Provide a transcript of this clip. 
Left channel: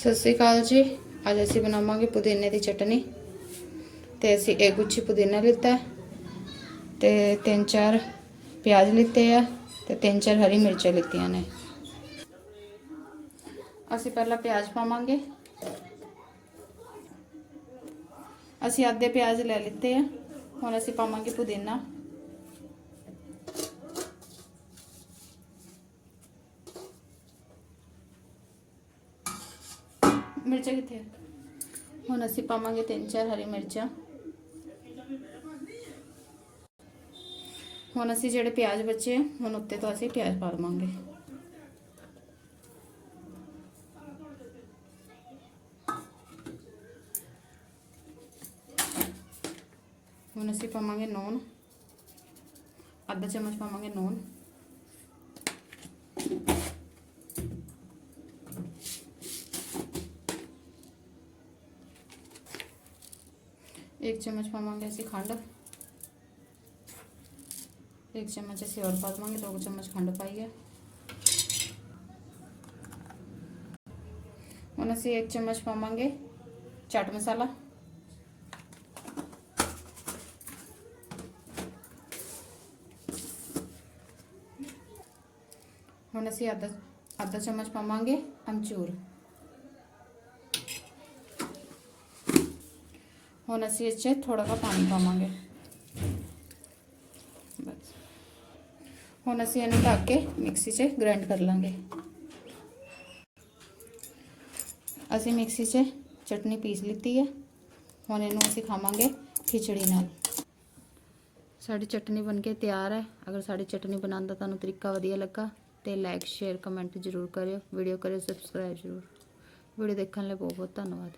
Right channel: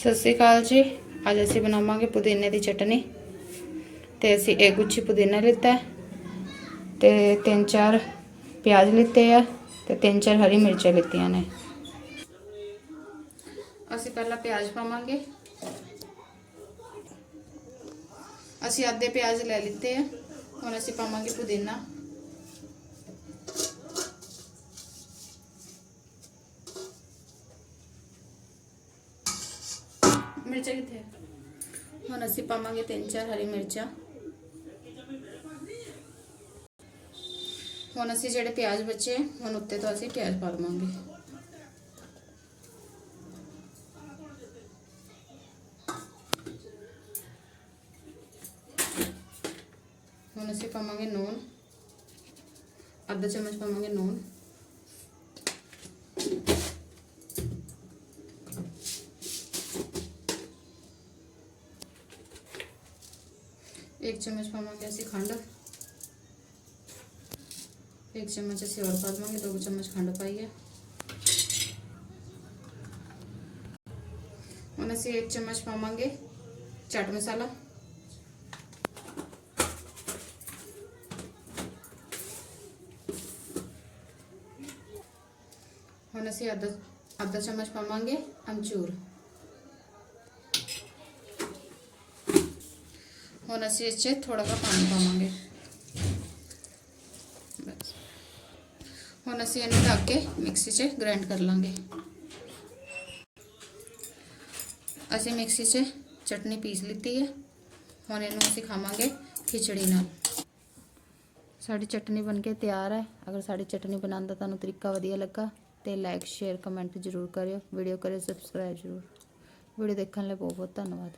ਸਤਿ ਸ਼੍ਰੀ ਅਕਾਲ ਜੀ। ਅੱਜ ਅਸੀਂ ਬਣਾਵਾਂਗੇ ਪੁਦੀਨੇ ਦੀ ਚਟਨੀ। ਤੇ ਅਸੀਂ ਇੱਕ ਗੁੱਛੀ ਪੁਦੀਨਾ ਲਿੱਤਾ ਹੈ। ਤੇ ਤਿੰਨ ਚਾਰ ਪਿਆਜ਼ ਲਿੱਤੇ ਆ ਤੇ ਤਿੰਨ ਚਾਰ ਹਰੀ ਮਿਰਚਾਂ ਲਿੱਤੀਆਂ ਨੇ। ਅਸੀਂ ਪਹਿਲਾਂ ਪਿਆਜ਼ ਪਾਵਾਂਗੇ। ਅਸੀਂ ਅੱਧੇ ਪਿਆਜ਼ ਲੈ ਲਿੱਤੇ ਆ। ਹੁਣ ਅਸੀਂ ਪਾਵਾਂਗੇ ਪੁਦੀਨਾ। ਮਿਰਚਾਂ ਕਿੱਥੇ ਆ? ਹੁਣ ਅਸੀਂ ਪਾਵਾਂਗੇ ਤਿੰਨ ਚਾਰ ਹਰੀ ਮਿਰਚਾਂ ਹੁਣ ਅਸੀਂ ਜਿਹੜੇ ਪਿਆਜ਼ ਬੱਚੇ ਹੁਣ ਉੱਤੇ ਤੋਂ ਅਸੀਂ ਪਿਆਜ਼ ਪਾ ਦਵਾਂਗੇ ਹੁਣ ਅਸੀਂ ਪਾਵਾਂਗੇ ਨੂਨ ਅੱਧਾ ਚਮਚ ਪਾਵਾਂਗੇ ਨੂਨ एक चम्मच पावे असं खंड। एक चम्मच असं और पा देवे दो चम्मच खंड पाई है हम असं एक चम्मच पावे चाट मसाला। हम असी अद्धा अद्धा चम्मच पावे अमचूर। ਹੁਣ ਅਸੀਂ ਇਸ 'ਚ ਥੋੜਾ ਜਿਹਾ ਪਾਣੀ ਪਾਵਾਂਗੇ ਬਸ ਹੁਣ ਅਸੀਂ ਇਹਨੂੰ ਢੱਕ ਕੇ ਮਿਕਸੀ 'ਚ ਗ੍ਰਾਈਂਡ ਕਰ ਲਾਂਗੇ ਅਸੀਂ ਮਿਕਸੀ 'ਚ ਚਟਨੀ ਪੀਸ ਲਿੱਤੀ ਹੈ ਹੁਣ ਇਹਨੂੰ ਅਸੀਂ ਖਾਵਾਂਗੇ ਖਿਚੜੀ ਨਾਲ ਸਾਡੀ ਚਟਨੀ ਬਣ ਕੇ ਤਿਆਰ ਹੈ ਅਗਰ ਸਾਡੀ ਚਟਨੀ ਬਣਾਉਣ ਦਾ ਤੁਹਾਨੂੰ ਤਰੀਕਾ ਵਧੀਆ ਲੱਗਾ ਤੇ ਲਾਈਕ ਸ਼ੇਅਰ ਕਮੈਂਟ ਜ਼ਰੂਰ ਕਰਿਓ ਵੀਡੀਓ ਕਰਿਓ ਸਬਸਕ੍ਰਾਈਬ ਜ਼ਰੂਰ ਵੀਡੀਓ ਦੇਖਣ ਲਈ ਬਹੁਤ ਬਹੁਤ ਧੰਨਵਾਦ